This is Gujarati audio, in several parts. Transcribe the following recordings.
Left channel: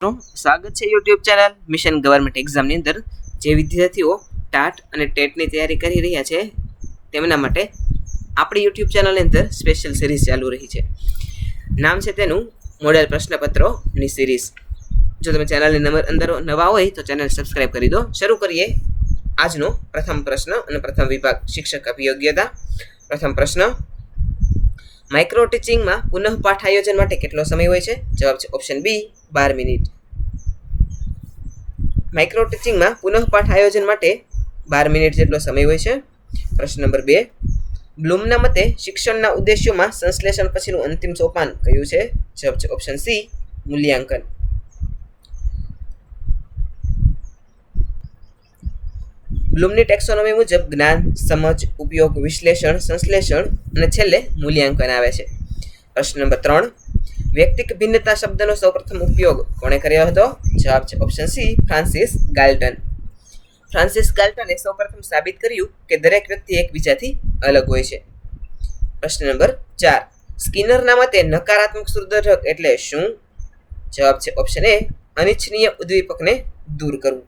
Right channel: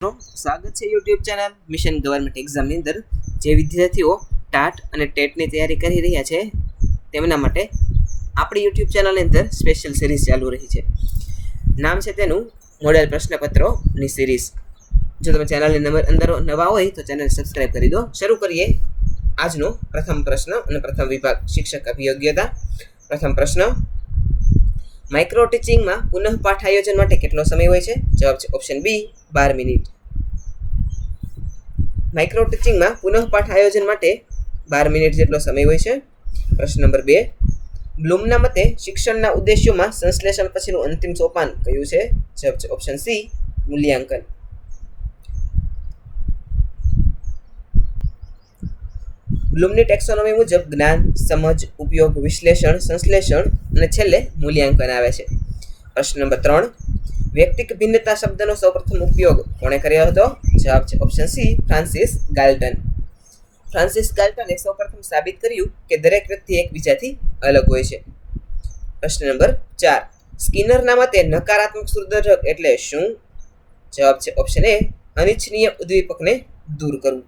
સ્વાગત છે યુટ્યુબ ચેનલ મિશન ગવર્મેન્ટ એક્ઝામની અંદર જે વિદ્યાર્થીઓ ટાટ અને ટેટની તૈયારી કરી રહ્યા છે તેમના માટે આપણી યુટ્યુબ ચેનલની અંદર સ્પેશિયલ સિરીઝ ચાલુ રહી છે. નામ છે તેનું મોડેલ પ્રશ્નપત્રોની સિરીઝ. જો તમે ચેનલની અંદર નવા હોય તો ચેનલ સબસ્ક્રાઈબ કરી દો. શરૂ કરીએ આજનો પ્રથમ પ્રશ્ન અને પ્રથમ વિભાગ શિક્ષક અભિયોગ્યતા. પ્રથમ પ્રશ્ન, માઇક્રો ટીચિંગમાં પુનઃપાઠ આયોજન માટે કેટલો સમય હોય છે? જવાબ છે ઓપ્શન બી 12 મિનિટ. માઇક્રો ટીચિંગમાં પુનઃપાઠ આયોજન માટે 12 મિનિટ જેટલો સમય હોય છે. પ્રશ્ન નંબર 2, બ્લૂમના મતે શિક્ષણના ઉદ્દેશ્યોમાં સંશ્લેષણ પછીનું અંતિમ સોપાન કયું છે? જવાબ છે ઓપ્શન સી મૂલ્યાંકન. બ્લૂમની ટેક્સોનોમી મુજબ જ્ઞાન, સમજ, ઉપયોગ, વિશ્લેષણ, સંશ્લેષણ અને છેલ્લે મૂલ્યાંકન આવે છે. પ્રશ્ન નંબર 3, વ્યક્તિક ભિન્નતા શબ્દનો સૌપ્રથમ ઉપયોગ કોણે કર્યો હતો? જવાબ છે ઓપ્શન સી ફ્રાન્સિસ ગાલ્ટન. ફ્રાન્સિસ ગાલ્ટને સૌપ્રથમ સાબિત કર્યું કે દરેક વ્યક્તિ એકબીજાથી અલગ હોય છે. પ્રશ્ન નંબર 4, સ્કિનરના મતે નકારાત્મક સુરદર્શક એટલે શું? જવાબ છે ઓપ્શન એ અનિચ્છનીય ઉદ્દીપકને દૂર કરવું.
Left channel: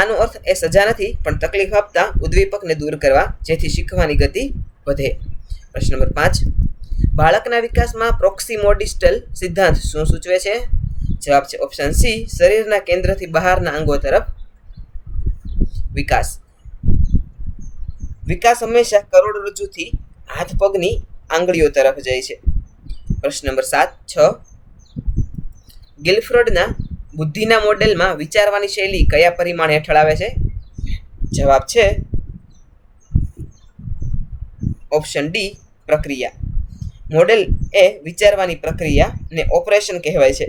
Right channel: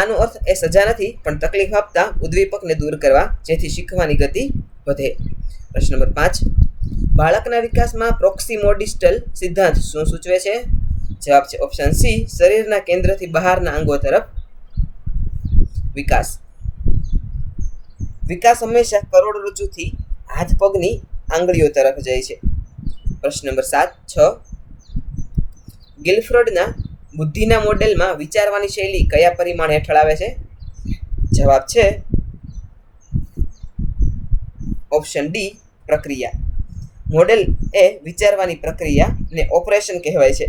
આનો અર્થ એ સજા નથી પણ તકલીફ આપતા ઉદ્દીપકને દૂર કરવા જેથી શીખવાની ગતિ વધે. પ્રશ્ન નંબર 5, બાળકના વિકાસમાં પ્રોક્સિમોડિસ્ટલ સિદ્ધાંત શું સૂચવે છે? જવાબ છે ઓપ્શન સી શરીરના કેન્દ્રથી બહારના અંગો તરફ વિકાસ. વિકાસ હંમેશા કરોડરજ્જુથી હાથ પગની આંગળીઓ તરફ જાય છે. પ્રશ્ન નંબર 6, ગિલફ્રોડના બુદ્ધિના મોડેલમાં વિચારવાની શૈલી કયા પરિમાણ હેઠળ આવે છે? જવાબ છે ઓપ્શન ડી પ્રક્રિયા. મોડેલ એ વિચારવાની પ્રક્રિયાને ઓપરેશન કહેવાય છે.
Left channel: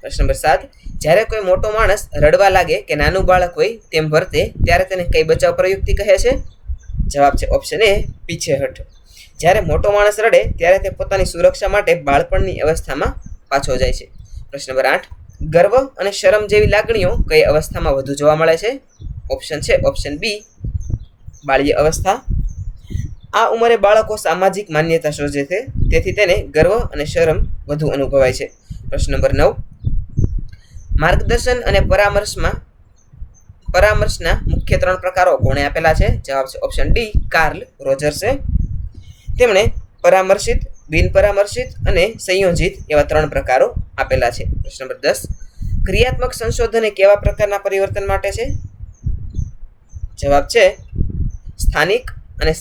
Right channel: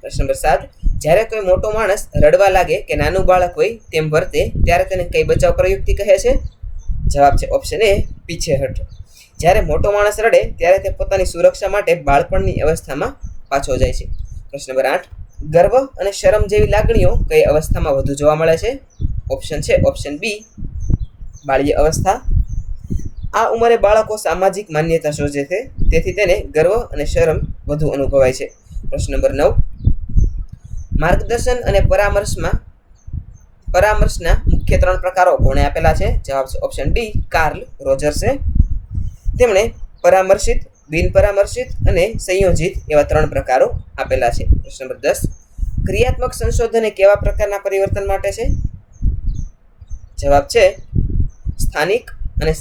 પ્રશ્ન નંબર 7, જ્યારે કોઈ મોટો માણસ રડવા લાગે કે નાનું બાળક હોય તેમ વર્તે ત્યારે તેને કઈ બચાવ પ્રયુક્તિ કહે છે? જવાબ છે ઓપ્શન એ પીછેહઠ. જ્યારે મોટો માણસ રડે ત્યારે તે પોતાની સુરક્ષા માટે બાળપણની અવસ્થામાં પાછો જાય છે. પ્રશ્ન નંબર 8, ગર્વ અને શરમ જેવી લાગણીઓ કઈ અવસ્થામાં વધુ જોવા મળે છે? ઓપ્શન છે ઓપ્શન બી બાલ્ય અવસ્થા. આ ઉંમરે બાળકો સામાજિક માન્યતા શોધે છે તેથી તેને ગર્વ અને શરમ વધુ અનુભવાય છે. પ્રશ્ન નંબર 9, માર્ગદર્શન અને પરામર્શના મુખ્ય 3 પ્રકારો કોણે આપેલા છે? જવાબ છે ઓપ્શન ડી કાર્લ રોજર્સે. તેમણે પરામર્શિત, બિનપરામર્શિત અને સંયોજિત એવા 3 પ્રકારો આપેલા છે. પ્રશ્ન નંબર 10, ક્રિયાત્મક સંશોધન એ કેવા પ્રકારના પરિવર્તન માટે છે? જવાબ છે સ્થાનિક અને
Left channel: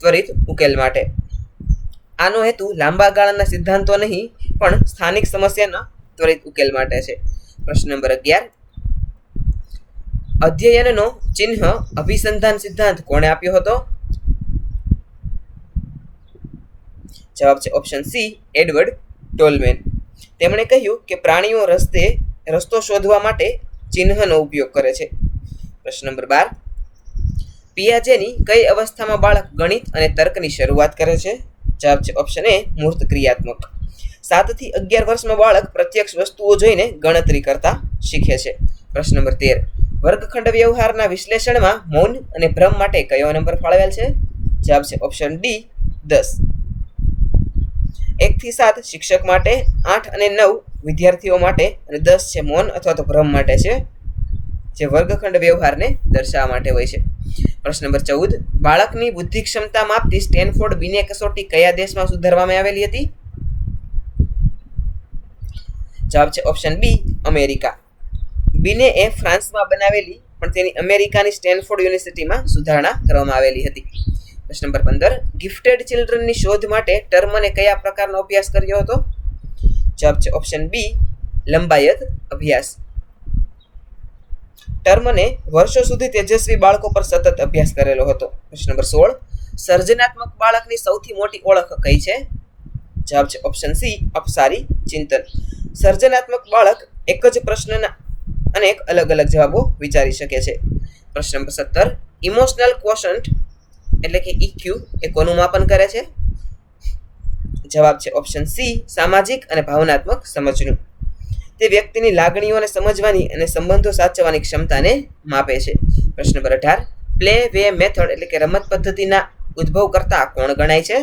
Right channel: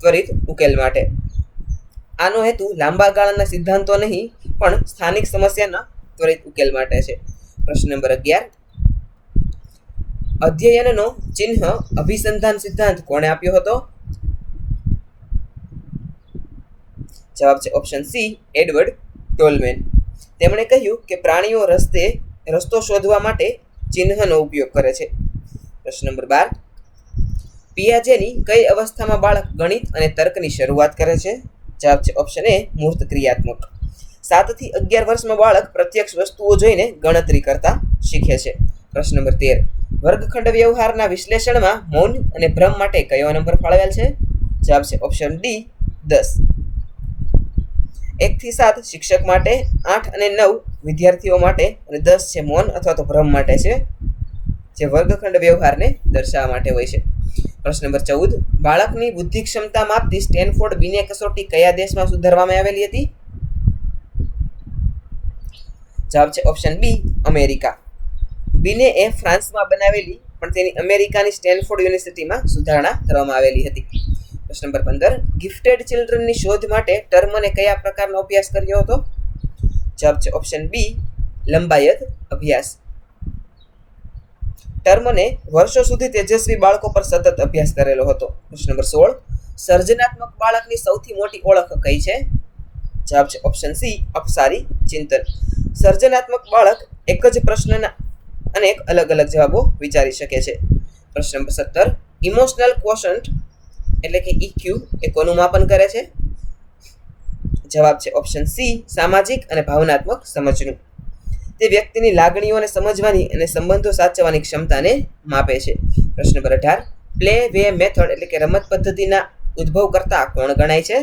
ત્વરિત ઉકેલ માટે. આનો હેતુ લાંબા ગાળાના સિદ્ધાંતો નહીં પણ સ્થાનિક સમસ્યાના ત્વરિત ઉકેલ માટે છે. પ્રશ્ન નંબર 11, અધ્યયનનો ચિહ્ન અભિસંધાન સિદ્ધાંત કોણે આપ્યો હતો? જવાબ છે ઓપ્શન સી એડવર્ડ ટોલમેન. તેમણે કહ્યું કે પ્રાણીઓ રસ્તો શોધવા માટે ચિહ્નનો ઉપયોગ કરે છે. પ્રશ્ન નંબર 12, પિયાજેની કઈ અવસ્થામાં બાળક ગણિત અને તર્કની શરૂઆત કરે છે? જવાબ છે ઓપ્શન એ મૂર્ત ક્રિયાત્મક. 7 થી 11 વર્ષમાં બાળક પ્રત્યક્ષ વસ્તુઓ જોઈને ગણતરી કરતા શીખે છે. પ્રશ્ન નંબર 13, વર્ગખંડ વ્યવહારના વિશ્લેષણમાં મૌન અને ભ્રમ માટે કયો નંબર ફાળવેલ છે? જવાબ છે ઓપ્શન ડી 10. 1 થી 7 શિક્ષક માટે, 8 અને 9 વિદ્યાર્થીઓ માટે અને 10 છે મૌન અથવા તો ભ્રમ માટે છે જે વર્ગખંડ વ્યવહારને દર્શાવવા માટે હોય છે. પ્રશ્ન નંબર 14, બાળકની બુદ્ધિ ક્ષમતા માપતી સ્ટેનફોર્ડ બિને કસોટી કયા દેશમાં સુધારવામાં આવેલી હતી? જવાબ છે ઓપ્શન બી અમેરિકા. બિને એ ફ્રાન્સમાં બનાવેલી પણ તેની અમેરિકાની સ્ટેનફોર્ડ યુનિવર્સિટીમાં સુધારણા કરવામાં આવેલી હતી. પ્રશ્ન નંબર 15, ગિફ્ટેડ ચિલ્ડ્રનની શોધ માટે ટર્મને કયા પ્રકારનો અભ્યાસ કર્યો હતો? જવાબ છે ઓપ્શન બી લંબાયત અભ્યાસ. ટર્મને વર્ષો સુધી તેજસ્વી બાળકો પર સતત અભ્યાસ કરેલો હતો. પ્રશ્ન નંબર 16, સર્જનાત્મક બાળકની સૌથી મોટી ઓળખ કઈ છે? જવાબ છે ઓપ્શન સી અપસારી ચિંતન. સર્જનાત્મક બાળક એક જ પ્રશ્નના અનેક અલગ અલગ જવાબો વિચારી શકે છે. પ્રશ્ન નંબર 17, ઇમોશનલ ક્વોશન્ટ એટલે કે ઇક્યુ એ કોનું માપન કરે છે? જવાબ છે ઓપ્શન સી સામાજિક અને ભાવનાત્મક સમજનું. તે વ્યક્તિની લાગણીઓને સમજવાની અને સંબંધો સાચવવાની ક્ષમતાને માપે છે. પ્રશ્ન નંબર 18, પ્લે વે મેથડ એટલે કે રમત પદ્ધતિના ઉદ્ભવ કરતા કોણ ગણાય છે?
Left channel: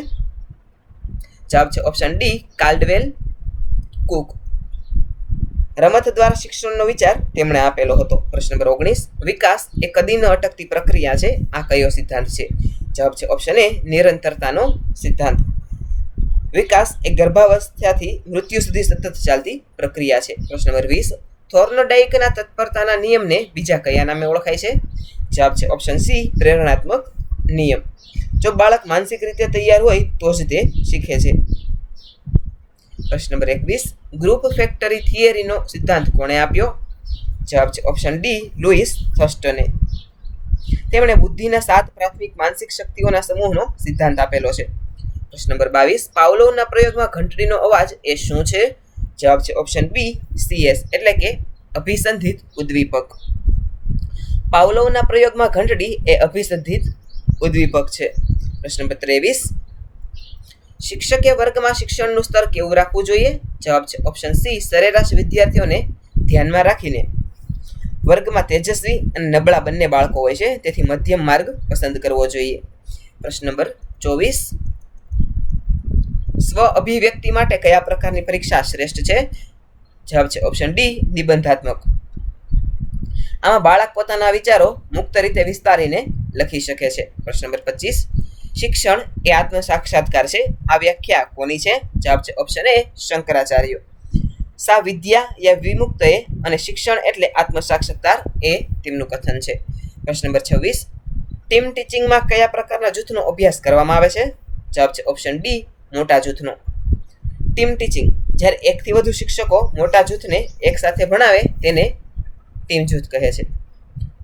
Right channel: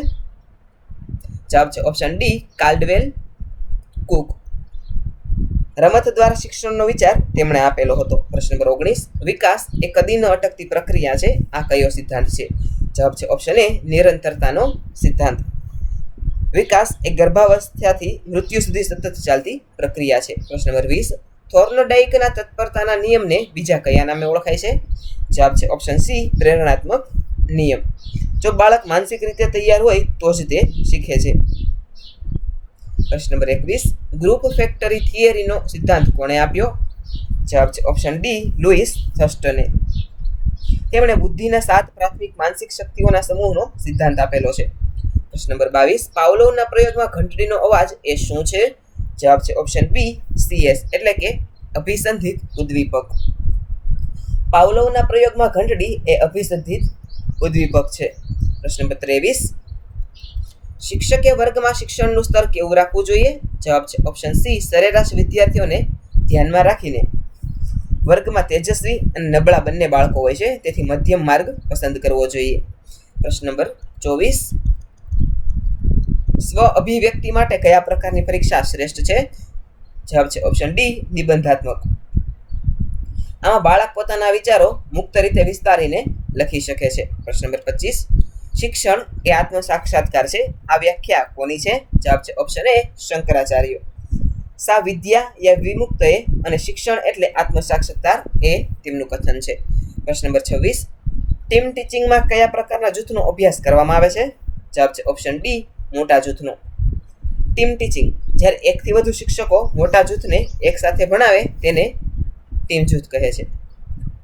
જવાબ છે ઓપ્શન ડી કાલ્ડવેલ કુક. રમત દ્વારા શિક્ષણનો વિચાર તેમણે આપેલો હતો. પ્રશ્ન નંબર 19, વિકાસ એ કદી ન અટકતી પ્રક્રિયા છે. આ કયો સિદ્ધાંત છે? જવાબ છે ઓપ્શન એ નિરંતરતાનો સિદ્ધાંત. વિકાસ એ ગર્ભાવસ્થાથી મૃત્યુ સુધી સતત ચાલતી પ્રક્રિયા છે. પ્રશ્ન નંબર 20, થોર્નડાઈકના તત્પરતાના નિયમને બીજા કયા નામે ઓળખાય છે? જવાબ છે ઓપ્શન સી પ્રેરણાત્મક નિયમ. જો બાળક માનસિક રીતે તૈયાર હોય તો જ તે શીખે છે. પ્રશ્ન નંબર 21, ગ્રુપ ફેક્ટરી થિયરીનો સિદ્ધાંત કોણે આપ્યો? જવાબ છે ઓપ્શન ડી લુઈસ થર્સ્ટને. તેમણે બુદ્ધિના 7 પ્રાથમિક માનસિક શક્તિઓના સમૂહનો સિદ્ધાંત આપેલો છે. પ્રશ્ન નંબર 22, પાવલોવના પ્રયોગમાં ઘંટડીનો અવાજ એ શું છે? જવાબ છે ઓપ્શન બી CS એટલે કે અભિસંધિત ઉદ્દીપક. પાવલોવના પ્રયોગમાં ઘંટડી એ અભિસંધિત ઉદ્દીપક છે. પ્રશ્ન નંબર 23, શિક્ષકે વર્ગમાં શિક્ષણનું સ્તર કેવું રાખવું જોઈએ? જવાબ છે ઓપ્શન સી સરેરાશ વિદ્યાર્થીઓને ધ્યાનમાં રાખીને. વર્ગમાં તેજસ્વી અને નબળા બંને બાળકો હોય છે, તેથી મધ્યમ માર્ગ પસંદ કરવો જોઈએ. પ્રશ્ન નંબર 24, સ્વ અભિવ્યક્તિ માટે કયા પ્રકારની પરીક્ષા શ્રેષ્ઠ છે? જવાબ છે ઓપ્શન ડી નિબંધાત્મક. આમાં બાળક પોતાના વિચારો મુક્ત રીતે વિસ્તારીને લખી શકે છે. પ્રશ્ન નંબર 25, શિક્ષણ એ આત્મ સાક્ષાત્કાર છે. આ વ્યાખ્યા કોની છે? જવાબ છે ઓપ્શન એ શંકરાચાર્ય. સા વિદ્યા યા વિમુક્ત એ અને શિક્ષણ એટલે આત્મ સાક્ષાત્કાર એ તેમનું કથન છે. પ્રશ્ન નંબર 26, ટીમ ટીચિંગમાં કયા પ્રકારના જૂથનો અભ્યાસ કરવામાં આવે છે? જવાબ છે ઓપ્શન ડી મોટા જૂથનો. ટીમ ટીચિંગ જ્યારે એકથી વધુ શિક્ષકો મોટા જૂથને એકસાથે ભણાવે તેને ટીમ જૂથ કહે છે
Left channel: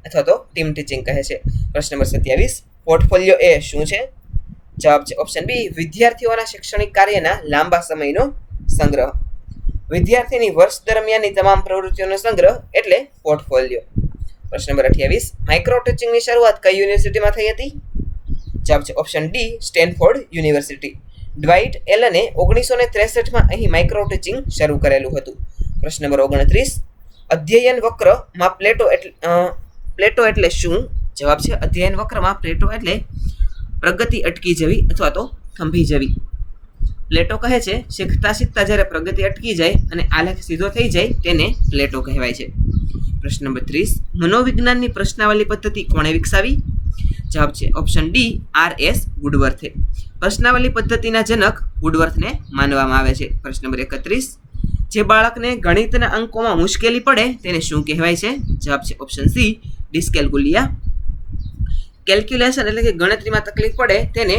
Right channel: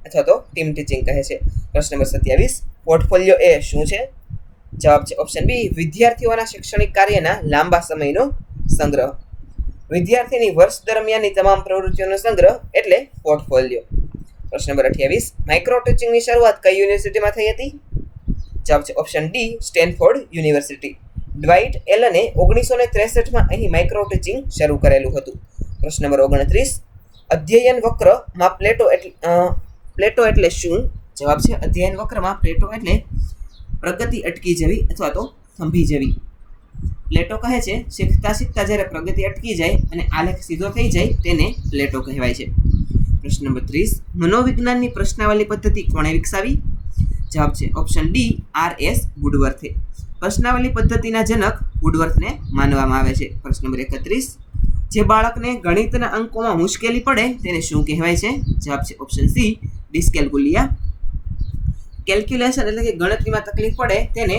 અથવા તો ટીમ ટીચિંગ કહે છે. પ્રશ્ન નંબર 27, પોર્ટફોલિયો એ શું છે? જવાબ છે ઓપ્શન બી વિદ્યાર્થીઓના શૈક્ષણિક કાર્યના લાંબા સમયનો સંગ્રહ. વિદ્યાર્થીની વર્ષ દરમિયાનની તમામ પ્રવૃત્તિઓનો સંગ્રહ એટલે પોર્ટફોલિયો. પ્રશ્ન નંબર 28, માઇક્રો ટીચિંગની શરૂઆત કઈ યુનિવર્સિટીમાં થઈ હતી? જવાબ છે ઓપ્શન ડી સ્ટેનફોર્ડ યુનિવર્સિટી. ડ્વાઇટ એલને 1963માં અહીં માઇક્રો ટીચિંગ શરૂ કરેલું હતું. પ્રશ્ન નંબર 29, અધ્યયન વક્રમાં પ્લેટો એટલે શું? જવાબ છે અધ્યયન વક્રમાં પ્લેટો એટલે પ્રગતિ અટકી જવી અથવા તો થંભી જવી. પ્લેટો કહે છે શીખતા શીખતા જ્યારે પ્રગતિ અટકી જાય અને આલેખ સીધો થઈ જાય તેને પ્લેટો કહેવાય છે. પ્રશ્ન નંબર 30, મનોવિજ્ઞાનની પ્રશ્નાવલી પદ્ધતિ કોણે વિકસાવી? જવાબ છે ઓપ્શન ડી RS વુડવર્થે. પ્રશ્નાવલી પદ્ધતિના જનક વુડવર્થને માનવામાં આવે છે. પ્રશ્ન નંબર 31, જે બાળકને ગણિતના અંકોમાં મુશ્કેલી પડે તેને શું કહેવાય છે? જવાબ છે ઓપ્શન સી ડિસ્કેલ્કુલિયા. કેલ્ક્યુલેશન એટલે કે ગણતરીમાં તકલીફ પડે તેને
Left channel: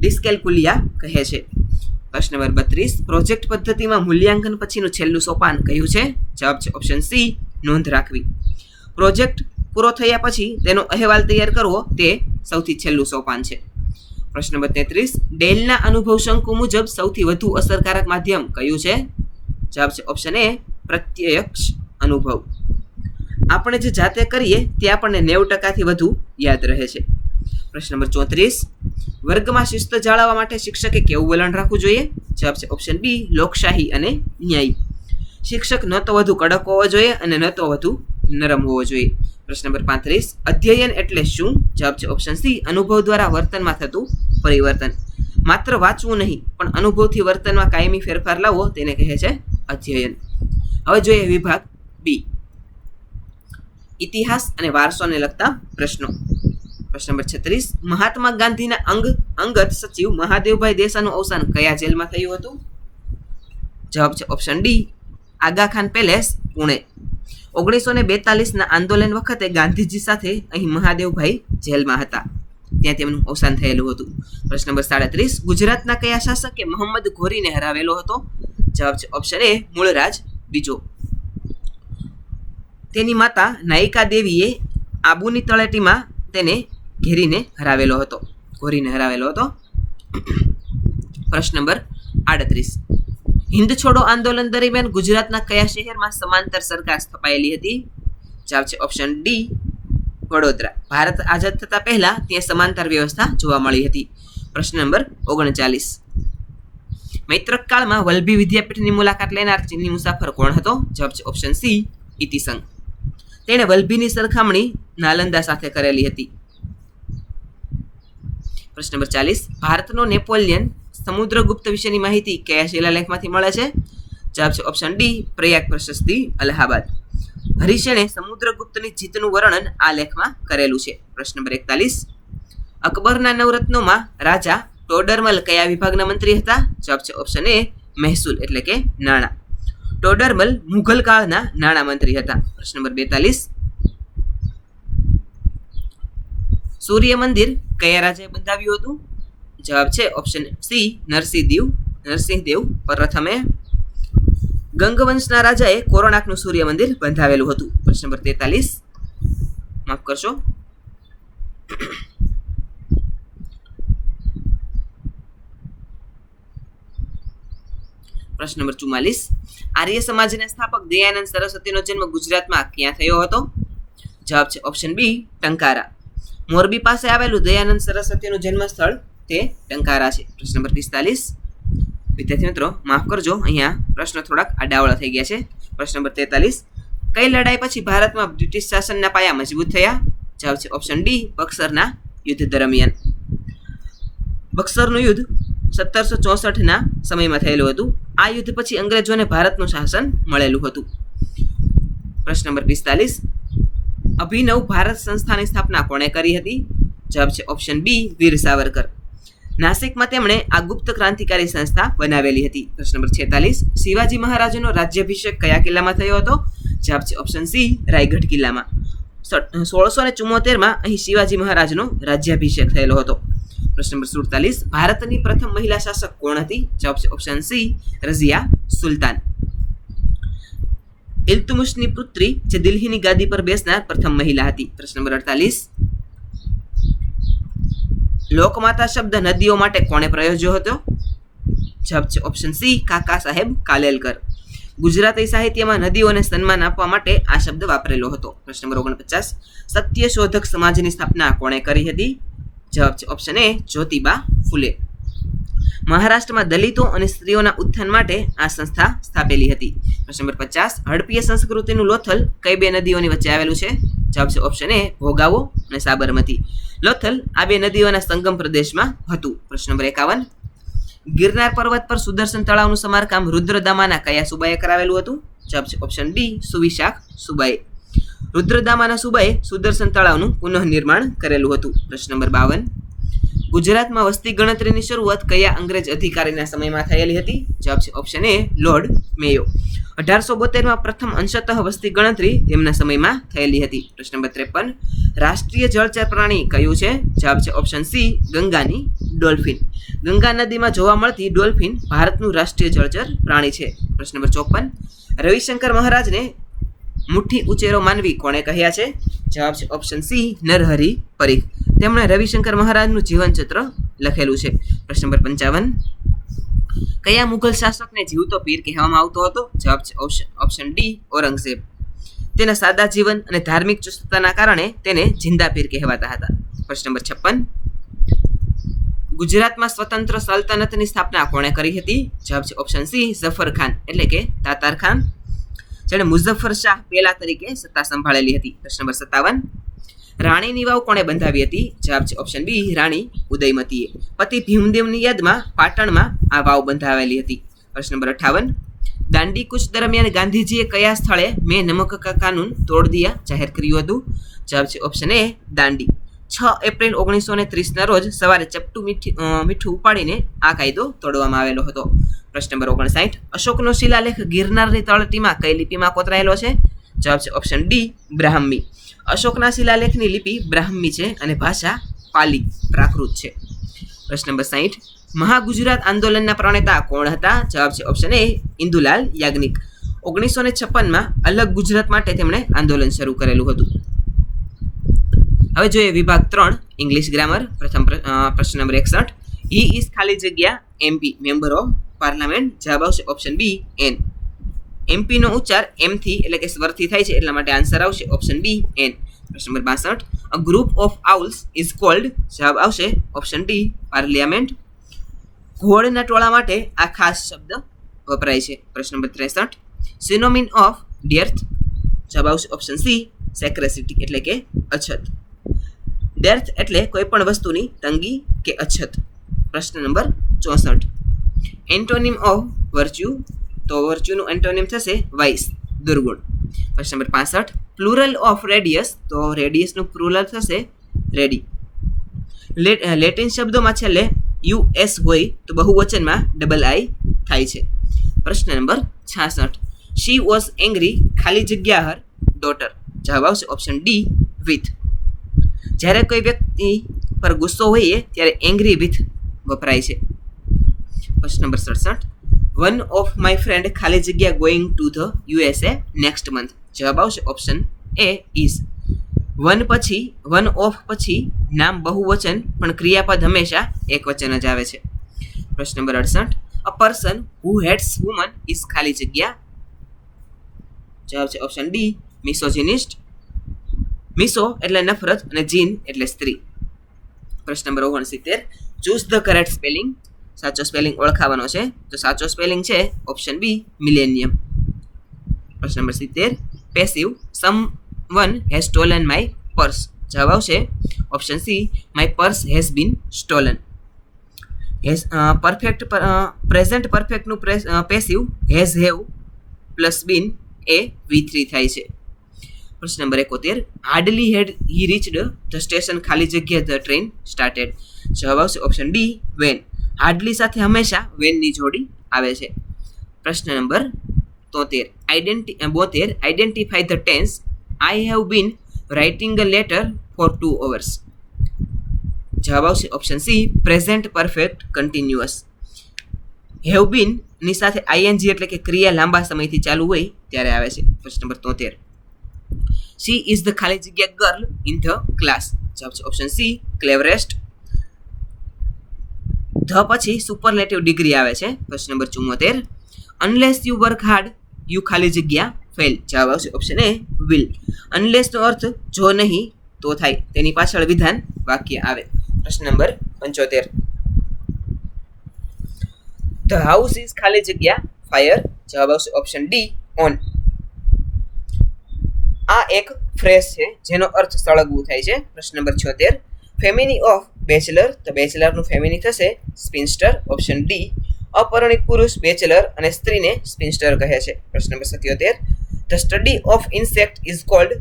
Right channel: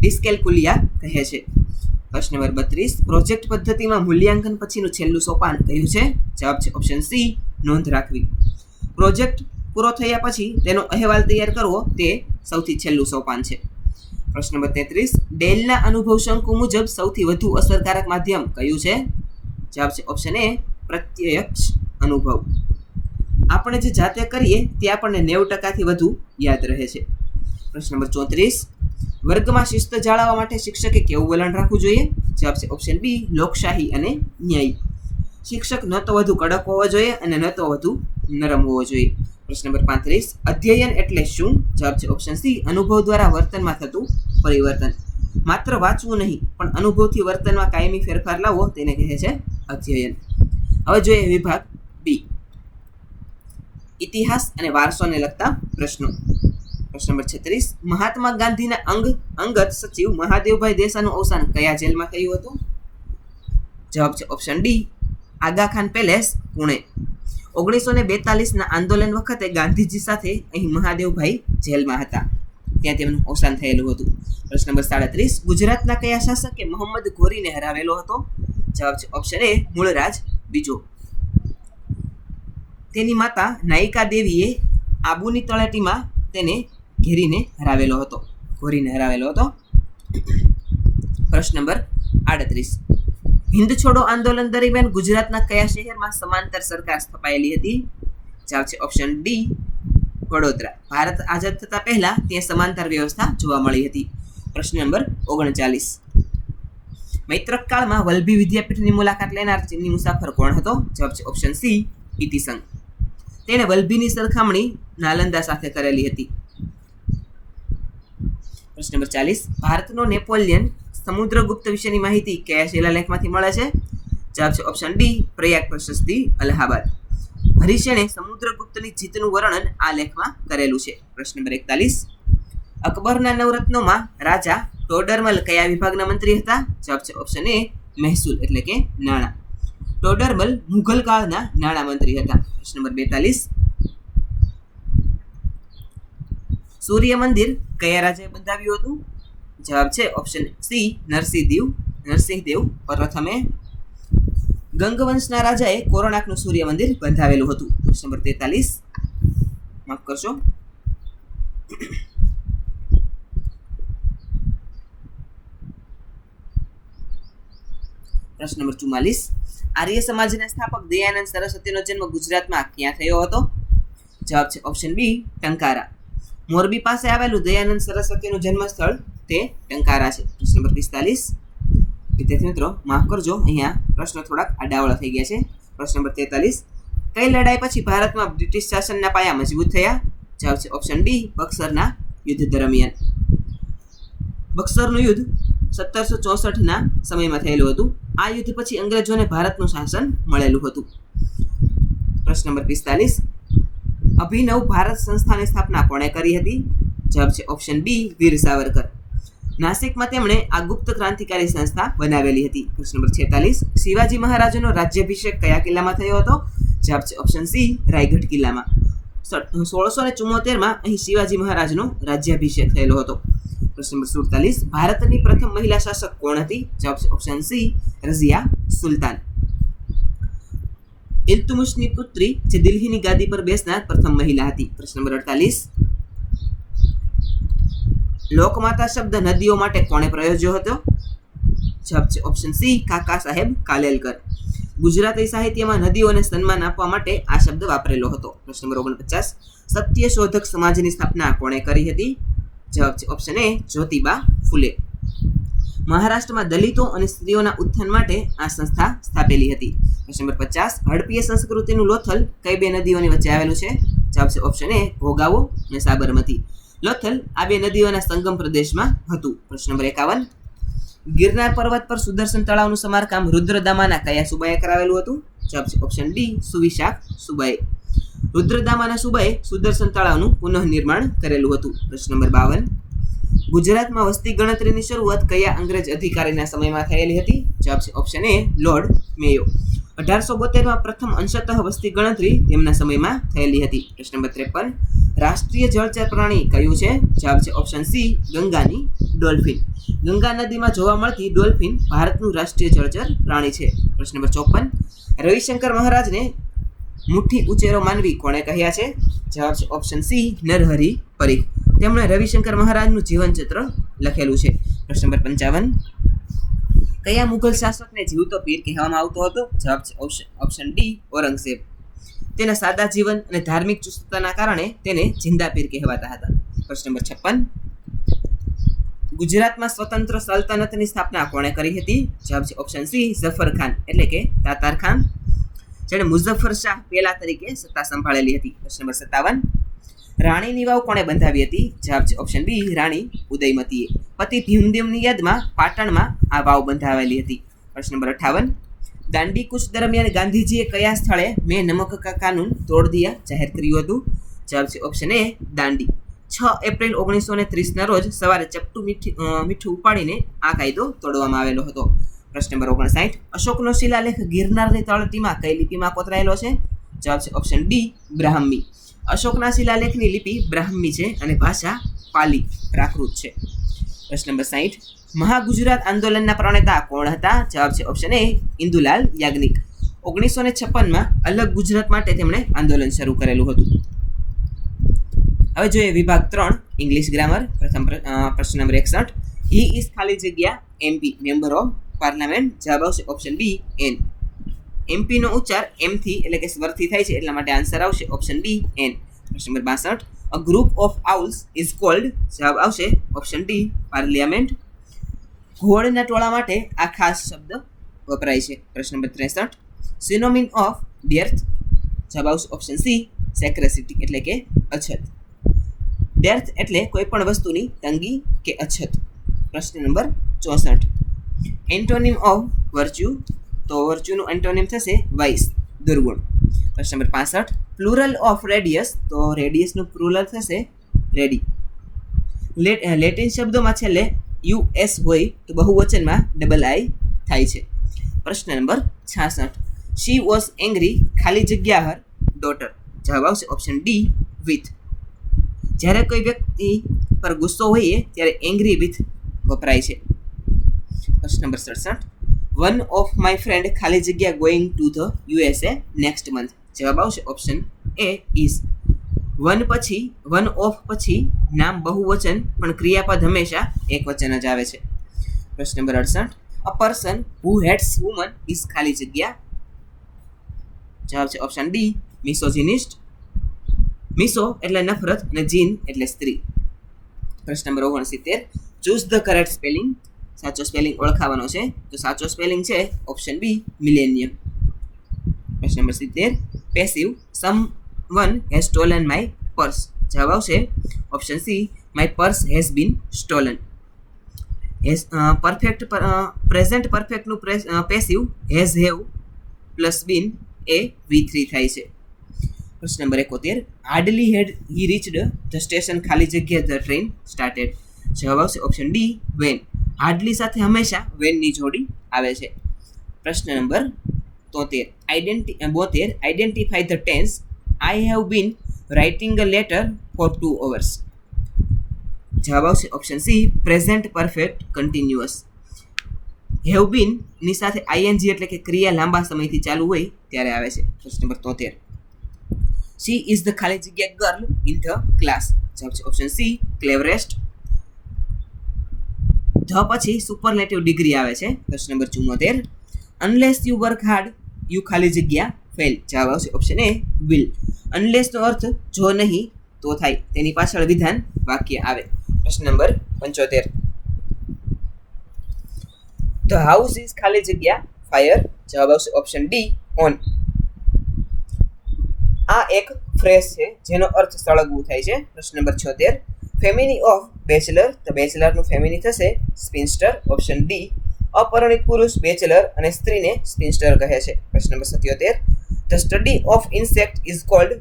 ડિસ્કેલ્કુલિયા કહે છે. પ્રશ્ન નંબર 32, પ્રોજેક્ટ પદ્ધતિમાં મૂલ્યાંકન પછીનું છેલ્લું સોપાન કયું છે? જવાબ છે ઓપ્શન સી નોંધ રાખવી. પ્રોજેક્ટ પૂરો થયા પછી તેનો અહેવાલ તૈયાર કરવો તે સૌથી છેલ્લું સોપાન છે. પ્રશ્ન નંબર 33, ડેલના અનુભવ શંકુ મુજબ સૌથી વધુ અસરકારક માધ્યમ કયું છે? જવાબ છે ઓપ્શન એ પ્રત્યક્ષ અનુભવ. આપણે જે જાતે કરીએ તે આપણને 90%થી વધુ યાદ રહે છે. પ્રશ્ન નંબર 34, વર્ગમાં શિસ્ત જાળવવા માટે શિક્ષકે કેવું વલણ રાખવું જોઈએ? જવાબ છે ઓપ્શન બી લોકશાહી અને ન્યાયી. શિક્ષક ન તો વધુ કડક હોવો જોઈએ અને ન તો વધુ નરમ હોવો જોઈએ. પ્રશ્ન નંબર 35, અધ્યયન એટલે શું? જવાબ છે ઓપ્શન સી અનુભવ દ્વારા વર્તનમાં થતું પરિવર્તન. માત્ર વાંચવું નહીં પણ અનુભવથી વર્તનમાં કાયમી ફેરફાર લાવવો તેને કહે છે અધ્યયન. હવે જોઈએ વિભાગ બી, ઇતિહાસ અને વારસોને લગતા પ્રશ્નો. પ્રશ્ન નંબર 36, મહાત્મા ગાંધીના અંગત સચિવ મહાદેવભાઈ દેસાઈનું અવસાન કયા જેલમાં થયું હતું? જવાબ છે ઓપ્શન ડી આગા ખાન પેલેસ પુણે. 1942ના આંદોલન વખતે ગાંધીજી સાથે અહીં મહાદેવભાઈ જેલમાં હતા, ત્યાં તેમનું અવસાન થયેલું હતું. પ્રશ્ન નંબર 37, ગુજરાતના કયા શાસકે મોહમ્મદ ઘોરીને હરાવેલો હતો? જવાબ છે ઓપ્શન એ મૂળરાજ બીજો. તેની માતા નાયિકા દેવીએ આબુની તળેટીમાં તેને ઘોરીને હરાવેલો હતો. પ્રશ્ન નંબર 38, હિન્દ છોડો આંદોલન દરમિયાન ગુજરાતના કયા શહેરમાં સમાંતર સરકાર સ્થપાયેલી હતી? જવાબ છે ઓપ્શન ડી વડોદરા. ભારત આઝાદ થતા પહેલા ત્યાં સમાંતર વ્યવસ્થા જોવા મળી હતી. પ્રશ્ન નંબર 39, મૈત્રક કાળમાં વલ્લભી વિદ્યાપીઠની મુલાકાત લેનાર ચીની મુસાફર કોણ હતો? જવાબ છે ઓપ્શન સી ઇતિસંગ. તેણે વલ્લભીની સરખામણી નાલંદા સાથે કરેલી હતી. પ્રશ્ન નંબર 40, ભારતનો નેપોલિયન સમુદ્રગુપ્ત વિશેની માહિતી કયા શિલાલેખમાંથી મળે છે? જવાબ છે ઓપ્શન ડી, પ્રયાગ પ્રશસ્તિ, અલ્હાબાદ. હરિસેને સમુદ્રગુપ્તની જીતનું વર્ણન આ લેખમાં કરેલું છે. પ્રશ્ન નંબર 41. અકબરના નવરત્નોમાં રાજા ટોડરમલ કયા વિભાગના મંત્રી હતા? જવાબ છે ઓપ્શન એ, મહેસૂલ એટલે કે નાણાં. ટોડરમલ મુઘલ કાળના નાણાં મંત્રી હતા. પ્રશ્ન નંબર 42. સૂર્ય મંદિર કયા રાજાએ બંધાવ્યું હતું? જવાબ છે ઓપ્શન સી, નરસિંહદેવ પ્રથમે. ગંગવંશના રાજાએ કોરોનાકનું સૂર્ય મંદિર બંધાવેલું હતું. પ્રશ્ન નંબર 43. માફ કરશો. પ્રશ્ન નંબર 44. આર્ય સમાજના સ્થાપક દયાનંદ સરસ્વતીનો જન્મ ગુજરાતમાં ક્યાં થયો હતો? જવાબ છે ઓપ્શન બી, ટંકારા. મોરબી પાસે આવેલું દયાનંદ સરસ્વતીનું જન્મસ્થળ તે ટંકારા છે. પ્રશ્ન નંબર 45. વિદ્યાર્થી મિત્રો માફ કરજો, અહીંયા પ્રશ્ન થોડાક આડાવળા થઈ ગયા છે. પ્રશ્ન નંબર 43. કઈ લડાઈ પછી ભારતમાં બ્રિટિશ શાસનના પાયા મજબૂત થયા? જવાબ છે ઓપ્શન ડી, બક્સરના યુદ્ધ દરમિયાન. બક્સરનું યુદ્ધ 1764ના સમયમાં થયેલું હતું. આ યુદ્ધ પછી અંગ્રેજોને ભારતનું શાસન મળેલું હતું. પ્રશ્ન નંબર 45. અભિનવ ભારત સંસ્થાની સ્થાપના કોણે કરી હતી? જવાબ છે ઓપ્શન બી, વીર સાવરકર. નાસિકમાં તેમણે આ ગુપ્ત ક્રાંતિકારી સંસ્થા બનાવેલી હતી. પ્રશ્ન નંબર 46. શિવાજી મહારાજનો રાજ્યાભિષેક કયા કિલ્લામાં થયો હતો? જવાબ છે ઓપ્શન સી, રાયગઢ કિલ્લામાં. 1674માં અહીં શિવાજી મહારાજનો રાજ્યાભિષેક થયેલો હતો. પ્રશ્ન નંબર 47. ભારતની પ્રથમ મહિલા શાસક કોણ હતી? જવાબ છે ઓપ્શન સી, રઝિયા સુલતાન. ઇલ્તુમિશની પુત્રી જે દિલ્હીની ગાદી પર બેસનાર પ્રથમ મહિલા હતી. પ્રશ્ન નંબર 48. લોકમાતા શબ્દ નદીઓ માટે કોણે પ્રયોજ્યો હતો? જવાબ છે ઓપ્શન સી, કાકા સાહેબ કાલેલકર. ગુજરાતી સાહિત્યમાં નદીઓને સન્માન આપવા માટે આ શબ્દ વાપરેલો હતો. પ્રશ્ન નંબર 49. સત્યશોધક સમાજની સ્થાપના કોણે કરી હતી? જવાબ છે ઓપ્શન એ, જ્યોતિબા ફુલે. મહારાષ્ટ્રમાં દલિતો અને સ્ત્રીઓના ઉત્થાન માટે આ સંસ્થા સ્થાપેલી હતી. પ્રશ્ન નંબર 50. હડપ્પીય સંસ્કૃતિનું લોથલ કઈ બે નદીઓની વચ્ચે આવેલું છે? જવાબ છે ઓપ્શન એ, ભોગાવો અને સાબરમતી. લોથલ આ બે નદીઓના સંગમ પ્રદેશમાં હતું. પ્રશ્ન નંબર 51. ગિરનાર પર્વત પર સુદર્શન તળાવનું સમારકામ રુદ્રદામાના કયા સુબાએ કરાવેલું હતું? જવાબ છે ઓપ્શન ડી, સુવિશાખ સુબાએ. રુદ્રદામાના સુબાએ સુદર્શન તળાવનું પુનઃનિર્માણ કરેલું હતું. પ્રશ્ન નંબર 52. ગુજરાતમાં વસ્તી ગણતરીની શરૂઆત કયા અંગ્રેજ અધિકારીના સમયમાં થયેલી હતી? જવાબ છે ઓપ્શન એ, લોર્ડ મેયો. 1872માં પ્રથમ અંશતઃ વસ્તી ગણતરી તેમના સમયમાં થયેલી હતી. પ્રશ્ન નંબર 53. રાષ્ટ્રીય જળચર પ્રાણી કયું છે? જવાબ છે ઓપ્શન સી, ગંગાની ડોલ્ફિન. ગંગા નદીમાં જોવા મળતી ડોલ્ફિન ભારતનું રાષ્ટ્રીય જળચર પ્રાણી છે. પ્રશ્ન નંબર 54. રવિશંકર મહારાજને મુઠ્ઠી ઉચેરો માનવી કોણે કહ્યા છે? જવાબ છે ઓપ્શન સી, નરહરી પરીખ. તેમણે રવિશંકર મહારાજનું જીવનચિત્ર લખેલું છે. પ્રશ્ન નંબર 55. કયા મુઘલ શાસકને જીવતો પીર કહેવામાં આવતો હતો? જવાબ છે ઓપ્શન ડી, ઔરંગઝેબ. તેના સાદા જીવન અને ધાર્મિક ચુસ્તતાના કારણે તેને જિંદા પીર કહેવાતા હતા. પ્રશ્ન નંબર 56. ગુજરાતમાં સ્વતંત્ર સલ્તનતની સ્થાપના કોણે કરી હતી? જવાબ છે ઓપ્શન સી, ઝફર ખાન એટલે કે તાતાર ખાન, જેણે મુઝફ્ફર શાહ પહેલા તરીકે સત્તા સંભાળેલી હતી. પ્રશ્ન નંબર 57. રાણીની વાવ કોણે બંધાવી હતી? જવાબ છે ઓપ્શન બી, રાણી ઉદયમતીએ. પતિ ભીમદેવની યાદમાં પાટણમાં આ વાવ બંધાવેલી હતી. પ્રશ્ન નંબર 58. દાંડી કૂચ દરમિયાન ગાંધીજીએ કયા સ્થળે મેં નમક કા કાનૂન તોડ દિયા જાહેર કર્યું હતું? જવાબ છે ઓપ્શન એ, દાંડી. 6 એપ્રિલ 1930ના રોજ સવારે ચપટું મીઠું ઉપાડીને આ કાયદો તોડવામાં આવેલો હતો. પ્રશ્ન નંબર 59. અશોકનો શિલાલેખ ગિરનારની તળેટીમાં કઈ લિપિમાં કોતરાયેલો છે? જવાબ છે ઓપ્શન ડી, બ્રાહ્મી. અશોકના શિલાલેખની લિપિ બ્રાહ્મી છે અને ભાષા પાલી પ્રાકૃત છે. પ્રશ્ન નંબર 60. મહાગુજરાત આંદોલનના પ્રણેતા કોણ હતા? જવાબ છે ઓપ્શન એ, ઇન્દુલાલ યાજ્ઞિક. 1956માં અલગ ગુજરાત માટે તેમણે આંદોલન શરૂ કરેલું હતું. હવે જોઈએ વિભાગ 3 ઇંગ્લિશ ગ્રામર. પ્રશ્ન નંબર 61. હી ઇઝ ખાલી જગ્યા MP મેમ્બર ઓફ પાર્લામેન્ટ. જવાબ આવશે ઓપ્શન બી, એન. MP નો ઉચ્ચાર M થી એટલે કે સ્વરથી થાય છે, એટલા માટે આન્સર આવશે ઓપ્શન બી, એન. પ્રશ્ન નંબર 62. A group of owls is called. જવાબ આવશે ઓપ્શન ડી, પાર્લિયામેન્ટ. ઘોડના ટોળા માટે આ ખાસ શબ્દ વપરાય છે. પ્રશ્ન નંબર 63. સિનોમિન ઓફ ડેર્થ. જવાબ આવશે ઓપ્શન સી, સેક્રેસિટી એટલે કે અછત. ડેર્થ એટલે કોઈ પણ વસ્તુની તંગી કે અછત. પ્રશ્ન નંબર 64. એન્ટોનિમ ઓફ વર્ચ્યુ, તો વર્ચ્યુનું એન્ટોનિમ થશે વાઇસ, દુર્ગુણ. પ્રશ્ન નંબર 65, પ્લુરલ ઓફ રેડિયસ, તો રેડિયસનું પ્લુરલ થશે રેડી. લેટિન શબ્દોમાં છેલ્લે યુએસ હોય તો બહુવચનમાં ડબલ આઈ થાય છે. પ્રશ્ન નંબર 66, શી વોઝ એંગ્રી ખાલી જગ્યા હર ડોટર, જવાબ આવશે ઓપ્શન ડી વિથ. જ્યારે કોઈ વ્યક્તિ પર ગુસ્સો હોઈએ ત્યારે એંગ્રી વિથ વપરાય છે. પ્રશ્ન number 67, one of my friend ખાલી જગ્યા going to the USA next month, જવાબ આવશે option A is. One of પછી નામ બહુવચન પણ ક્રિયાપદ હંમેશા એક વચન જ આવે છે. પ્રશ્ન number 68, a person who hats woman is ખાલી જગ્યા, જવાબ છે ઓપ્શન ડી મિસોજિનિસ્ટ. મિસો એટલે નફરત અને જીન એટલે સ્ત્રી. પ્રશ્ન નંબર 69, ચૂઝ ધ કરેક્ટ સ્પેલિંગ, સાચો સ્પેલિંગ ઓળખાવાનો છે, તો સાચો સ્પેલિંગ છે ઓપ્શન બી મિલેનિયમ. પ્રશ્ન નંબર 70, passive, someone has stolen my purse, જવાબ આવશે option C my purse has been stolen. Perfect present પરફેક્ટનું passive has have plus been એ V3 થાય છે. પ્રશ્ન નંબર 71, hardly had he reached the station ખાલી જગ્યા ધ ટ્રેન સ્ટાર્ટેડ, જવાબ આવશે ઓપ્શન ડી વેન. હાર્ડલી સાથે હંમેશા વેનની જોડી આવે છે. પ્રશ્ન number 72, identify the tense, I have been writing a letter for 2 hours, જવાબ આવશે option C present perfect continuous. Have been ની સાથે આઈએનજી એટલે કે ક્રિયા લાંબા સમયથી ચાલુ હોય ત્યારે આવે છે. પ્રશ્ન નંબર 73, શી ઇઝ ધ ખાલી જગ્યા ગર્લ ઇન ધ ક્લાસ, જવાબ છે ઓપ્શન સી ક્લેવરેસ્ટ. ધ પછી સુપરલેટિવ ડિગ્રી આવે છે. પ્રશ્ન number 74, unless you work hard you ખાલી જગ્યા ફેલ, જવાબ આવશે ઓપ્શન એ વિલ. અનલેસનો અર્થ જો નહીં તો થાય, તેની પાછળ વિધાન વાક્ય આવે. પ્રશ્ન નંબર 75, ધ હાઉસ ઇઝ ખાલી જગ્યા ફાયર, જવાબ આવશે ઓપ્શન ડી ઓન. આ એક ફ્રેઝ છે જેનો અર્થ સળગવું થાય છે. પ્રશ્ન નંબર 76, ફેમિની ઓફ બેચલર, તો બેચલરનું ફેમિની થશે સ્પિન્સ્ટર, ઓપ્શન ડી. અપરિણિત પુરુષ બેચલર અને સ્ત્રીને સ્પિન્સ્ટર કહે છે. પ્રશ્ન number 77, the study of insect is called,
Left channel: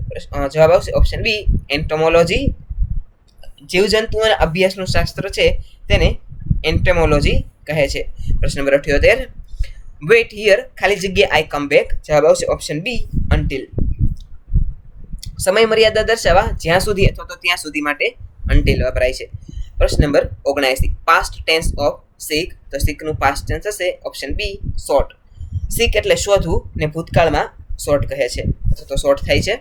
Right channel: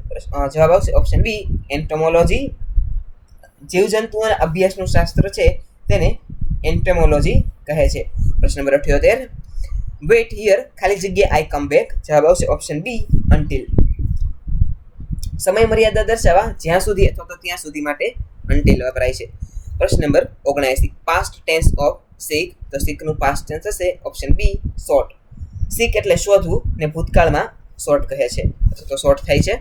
જવાબ આવશે ઓપ્શન બી એન્ટોમોલોજી. જીવજંતુઓના અભ્યાસનું શાસ્ત્ર છે તેને એન્ટેમોલોજી કહે છે. પ્રશ્ન નંબર 78, વેઇટ હિયર ખાલી જગ્યા આઈ કમ બેક, જવાબ આવશે ઓપ્શન બી અન્ટિલ. સમય મર્યાદા દર્શાવવા જ્યાં સુધી અથવા તો ત્યાં સુધી માટે અન્ટિલ વપરાય છે. પ્રશ્ન નંબર 79, પાસ્ટ ટેન્સ ઓફ સીક, તો સીકનું પાસ્ટ ટેન્સ હશે ઓપ્શન બી શોર્ટ. સીક એટલે શોધવું ને ભૂતકાળમાં શોર્ટ કહે છે અથવા તો શોર્ટ થાય છે.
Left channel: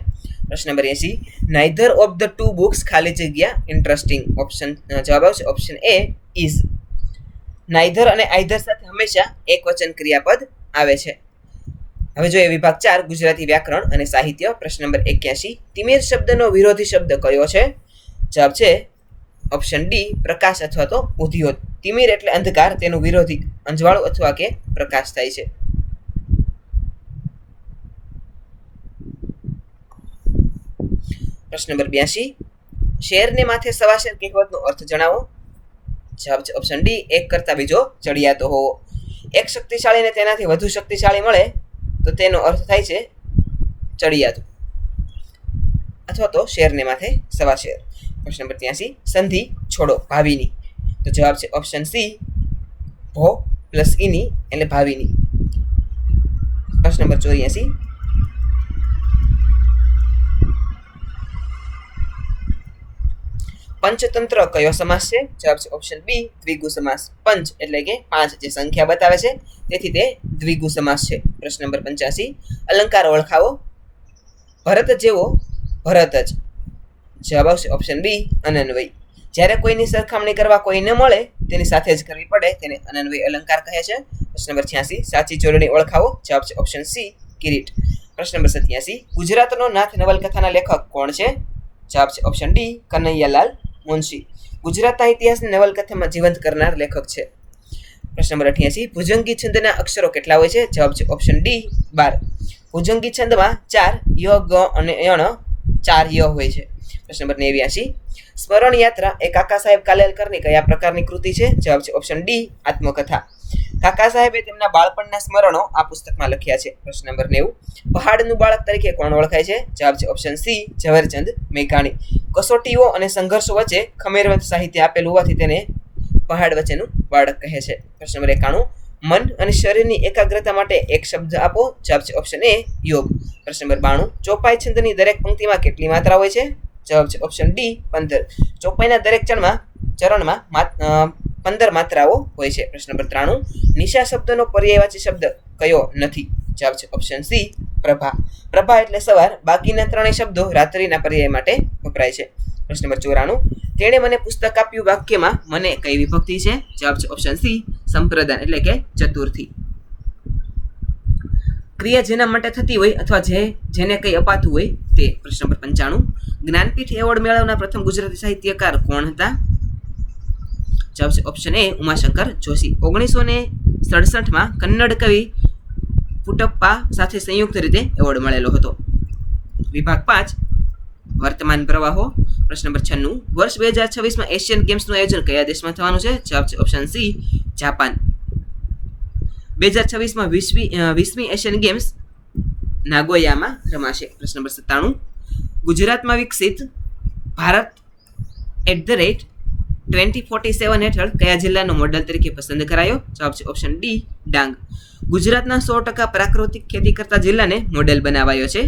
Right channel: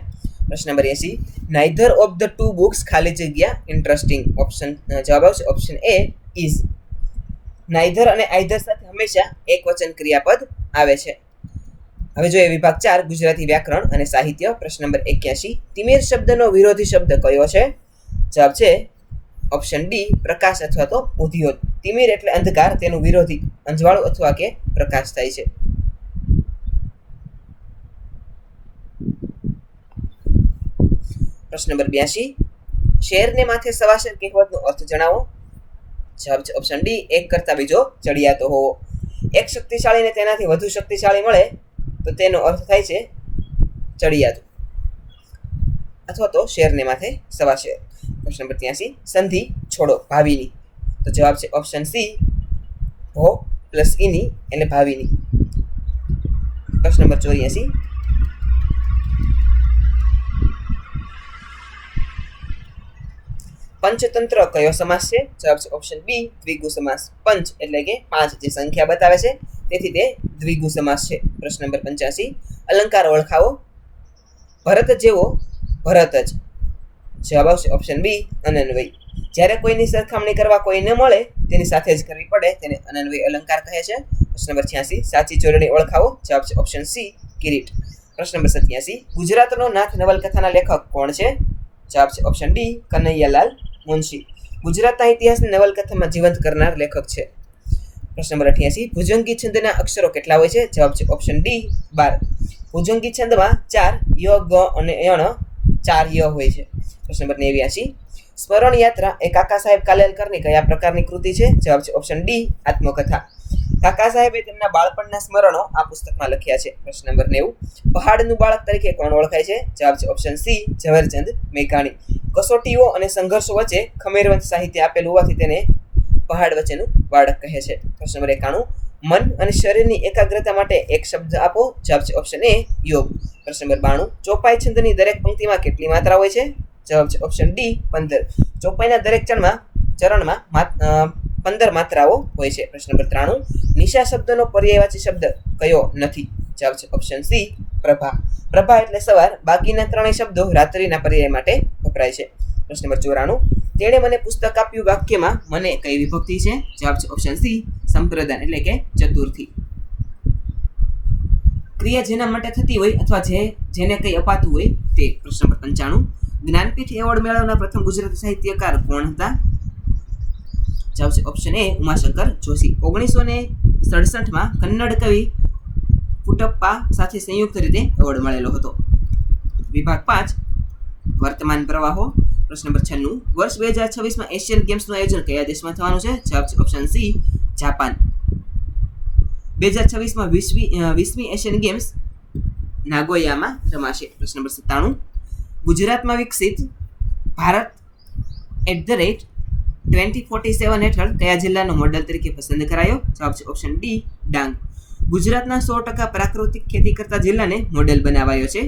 પ્રશ્ન number 80, neither of the two books ખાલી જગ્યા ઇન્ટરેસ્ટિંગ, ઓપ્શન જવાબ આવશે ઓપ્શન એ ઇઝ. નાઇધર અને આઇધર સાથે હંમેશા એક વચન ક્રિયાપદ આવે છે. હવે જોઈએ વિભાગ 4 ગુજરાતી વ્યાકરણ અને સાહિત્ય. પ્રશ્ન નંબર 81, તિમિર શબ્દનો વિરોધી શબ્દ કયો છે, જવાબ છે ઓપ્શન ડી પ્રકાશ અથવા તો ઉદ્યોત. તિમિર એટલે અંધકાર, તેનું વિરોધી અંજવાળું અથવા કે પ્રકાશ થાય છે. પ્રશ્ન નંબર 82, શેરને માથે સવા શેર કહેવતનો અર્થ જણાવો, જવાબ છે ઓપ્શન ડી એક કરતા બીજો ચડિયાતો હોવો. એક શક્તિશાળીને તેનાથી વધુ શક્તિશાળી મળે તો તેનો અર્થ થાય છે ચડિયાતું અથવા તો શેરને માથે સવા શેર. પ્રશ્ન નંબર 83, સંધિ છોડો ભાવિની, તો જવાબ છે ઓપ્શન સી ભો પ્લસ ઈની એટલે ભાવિની. પ્રશ્ન નંબર 84, પંચતંત્ર કયો સમાસ છે, જવાબ છે ઓપ્શન બી દ્વિગુ સમાસ. પંચ એટલે કે 5 જે સંખ્યા બતાવે છે તેથી તે દ્વિગુ સમાસ છે. પ્રશ્ન નંબર 85, અલંકાર ઓળખાવો. ભરત જેવો ભરત જ, જવાબ આવશે ઓપ્શન બી અનન્વય. જ્યારે કોઈની સરખામણી કરવા કોઈ ન મળે તેની સાથે જ કરવી પડે તેને અનન્વય અલંકાર કહે છે. પ્રશ્ન નંબર 86, સાચી જોડણી ઓળખાવો, જવાબ છે ઓપ્શન સી કિરીટ. પ્રશ્ન નંબર 87, ગુજરાતનો નાથ નવલકથાના લેખક કોણ છે, જવાબ છે ઓપ્શન ડી કનૈયાલાલ મુનશી. ગુજરાતના ઇતિહાસની નવલકથામાં જીવંત કરનાર લેખક છે. પ્રશ્ન નંબર 88, ભુજંગી છંદના અક્ષરો કેટલા હોય છે, જવાબ છે ઓપ્શન ડી 12. ભુજંગી છંદમાં 4 ય ગ અને યણ 4 ય હોય છે. પ્રશ્ન નંબર 89, સ્મરણ યાત્રા એ કાકા સાહેબ કાલેલકરની કયા પ્રકારની કૃતિ છે, જવાબ છે ઓપ્શન ડી આત્મકથા. કાકા સાહેબે તેમના બાળપણના સ્મરણો આ પુસ્તકમાં લખ્યા છે. પ્રશ્ન નંબર 90. પહાડનું બાળક તરીકે કોણ ઓળખાય છે? જવાબ છે ઓપ્શન સી ઝવેરચંદ મેઘાણી. કસોટીઓ અને સંઘર્ષો વચ્ચે ખમેરવંત સાહિત્ય આપેલું હોવાથી તેને પહાડ વચ્ચેનું બાળક કહે છે. પ્રશ્ન નંબર 91. મન અને શરીરની એકાગ્રતા માટે એક શબ્દ આપો. જવાબ છે ઓપ્શન એ યોગ. પ્રશ્ન નંબર 92. ચોપાઈ છંદની દરેક પંક્તિમાં કેટલી માત્રા હોય છે? જવાબ છે ઓપ્શન ડી 15. ચોપાઈના દરેક ચરણમાં 15 માત્રાઓ હોય છે. પ્રશ્ન નંબર 93. નિશા શબ્દનો પર્યાયવાચી શબ્દ કયો નથી? જવાબ છે ઓપ્શન સી પ્રભા. પ્રભા એટલે સવાર. બાકીના ત્રણેય શબ્દો રાત્રિના પર્યાય માટે વપરાય છે. પ્રશ્ન નંબર 94. તેણે મને પુસ્તક આપ્યું વાક્યમાં મને કઈ વિભક્તિ છે? જવાબ છે ઓપ્શન સી સંપ્રદાન એટલે કે ચતુર્થી. ક્રિયા જેના માટે થતી હોય અથવા જેને કંઈ અપાતું હોય તે. પ્રશ્ન નંબર 95. જ્ઞાનપીઠ એવોર્ડ મેળવનાર પ્રથમ ગુજરાતી સાહિત્યકાર કોણ હતા? જવાબ છે ઓપ્શન એ ઉમાશંકર જોશી. 1967માં કન્નડ કવિ પુટપ્પા સાથે સંયુક્ત રીતે એવોર્ડ મળેલો હતો. વિભાગ 5 વર્તમાન પ્રવાહો. પ્રશ્ન નંબર 96. વર્ષ 2026માં એશિયન ગેમ્સનું આયોજન કયા દેશમાં થવાનું છે? જવાબ છે ઓપ્શન સી જાપાન. 2026માં 20મી એશિયન ગેમ્સ નાગોયામાં રમાશે. પ્રશ્ન નંબર 97. ગુજરાતમાં વિકસિત ભારત @2047 હેઠળ કયા જિલ્લાનો મોડેલ તરીકે પસંદ કરાયો? જવાબ છે ઓપ્શન ડી ડાંગ. ગુજરાતના 100% પ્રાકૃતિક ખેતી કરતા જિલ્લાને મોડેલ બનાવાયો છે.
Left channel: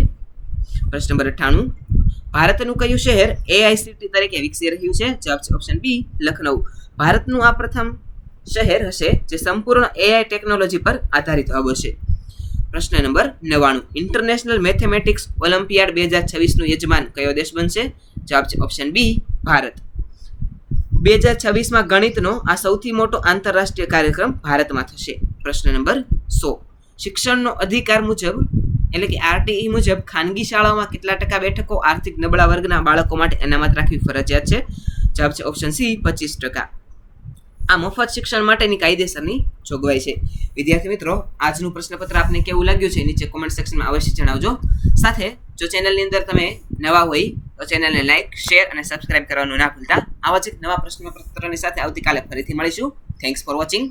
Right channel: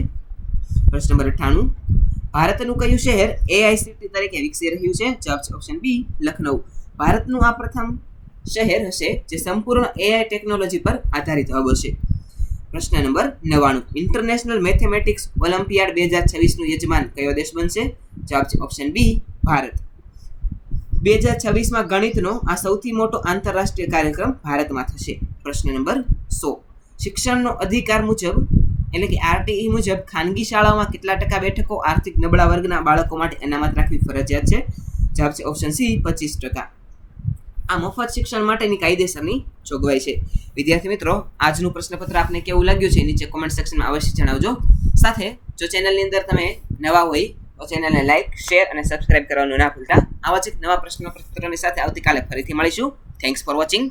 પ્રશ્ન નંબર 98. ભારતનું કયું શહેર એઆઈસીટી તરીકે વિકસી રહ્યું છે? જવાબ છે ઓપ્શન બી લખનઉ. ભારતનું આ પ્રથમ શહેર હશે જે સંપૂર્ણ એઆઈ ટેકનોલોજી પર આધારિત હબ હશે. પ્રશ્ન નંબર 99. ઇન્ટરનેશનલ મેથેમેટિક્સ ઓલિમ્પિયાડ 2026નું યજમાન કયો દેશ બનશે? જવાબ છે ઓપ્શન બી ભારત. 2026માં ગણિતનો આ સૌથી મોટો આંતરરાષ્ટ્રીય કાર્યક્રમ ભારતમાં થશે. પ્રશ્ન નંબર 100. શિક્ષણનો અધિકાર મુજબ એટલે કે આરટીઈ મુજબ ખાનગી શાળાઓમાં કેટલા ટકા બેઠકો આર્થિક નબળા વર્ગના બાળકો માટે અનામત રાખવી ફરજિયાત છે? જવાબ છે ઓપ્શન સી 25%. આ મફત શિક્ષણ માટેની કાયદેસરની જોગવાઈ છે. વિદ્યાર્થી મિત્રો, આજનું પ્રશ્નપત્ર આપને કેવું લાગ્યું છે નીચે કોમેન્ટ સેક્શનમાં અવશ્ય જણાવજો. સાથે જો ચેનલની અંદર તમે નવા હોય તો ચેનલને લાઇક, શેર અને સબસ્ક્રાઇબ કરવાનું ના ભૂલતા. આવા જ એક નવા પ્રશ્નપત્રની સાથે આવતીકાલે ફરીથી મળીશું. Thanks for watching.